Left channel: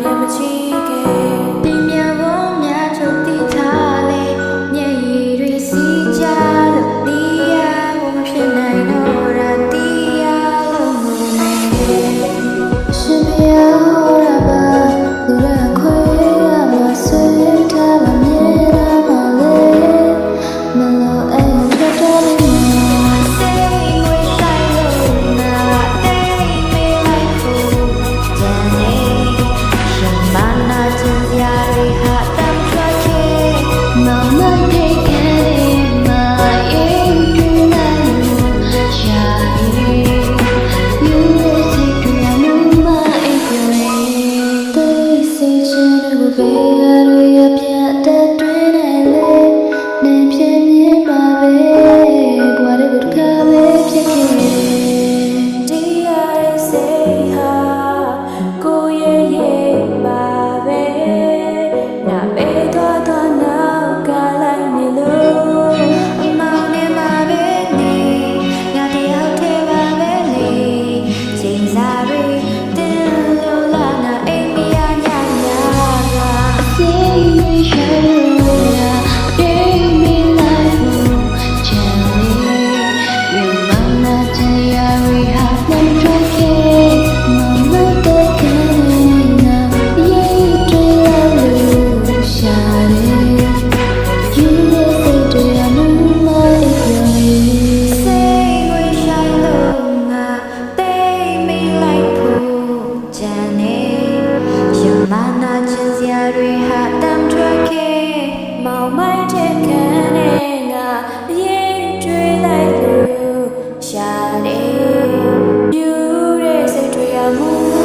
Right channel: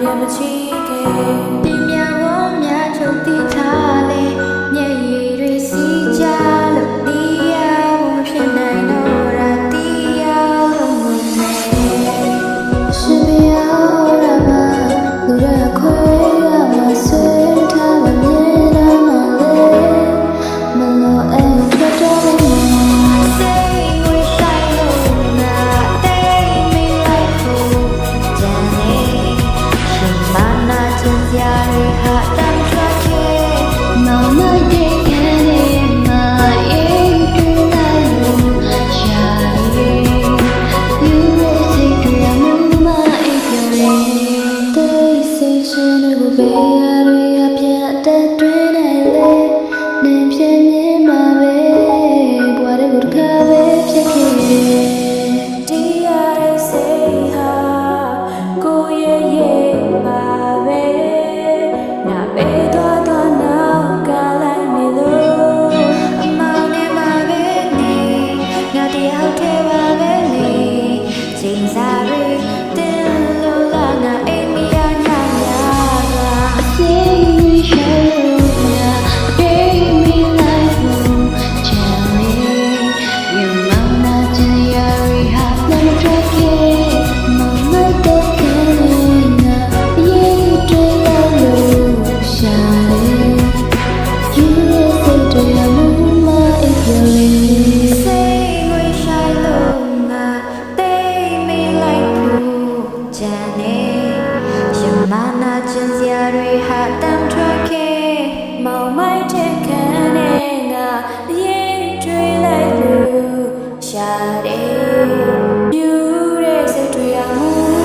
ပြန်မချီခဲ့ဒီမြဝုံများချုပ်တီထားလေမျက်ရည်တွေစီးကြလို့ဒီရဖို့ဖြစ်နိုင်တော့တာတီးရလို့ငုံမယ်ရှင်ပြရဟောရပါလူရခွဲရမှာဆွေးထားပါမြဲတာမလဲမလို့အိမ်ထွက်တော့မကျင်စရာတွေဟာတမ်းထွက်ခဲ့မောင်မိုက်တဲ့ခံနဲ့မအေးတွေ့လိုက်လို့ရှာလေယူရစိတ်တွေအမှုမအိပ်ပျော်တယ်တိတ်ဆိတ်ခြင်းတွေကိုဘယ်ရတွေအပြတ်တက်တွင်းနိုင်လေနေပြင်းမြင်မှာပဲဘွားတွေကိုတစ်ခါပဲဖြစ်ခဲ့တယ်ဒီရတဲ့စိတ်ဟာကိုရဲ့ရဲ့ပါပဲပဲသွားသွားနောက်ကလိုက်နေလို့အမောင်နဲ့မှာပဲနေငါတယောက်ထဲပါပဲလေချိန်စားတွေတင်းလို့လာငါအိမ်မရညစွာစိတ်မရှာလို့ငါအိမ်မလိုက်ဘူးချမ်းလေးရမနာချင်ရရီဟာနှမ်းထွက်ခဲ့မောင်လိုက်တဲ့ခံနဲ့ငါရေးတွေ့လိုက်လို့ရှာတယ်ယူရစိတ်တွေအမှုမအိပ်ပျော်တယ်စိတ်ငွေဆိုင်လို့ငါတိတ်မိလိုက်ဖို့ကြံနေရမနာချင်စရာတွေဟာတမ်းထွက်ခဲ့မောင်မိုက်တဲ့ခံနဲ့ငါရေးတွေ့လိုက်လို့ရှာတယ်ယူရစိတ်တွေအမှု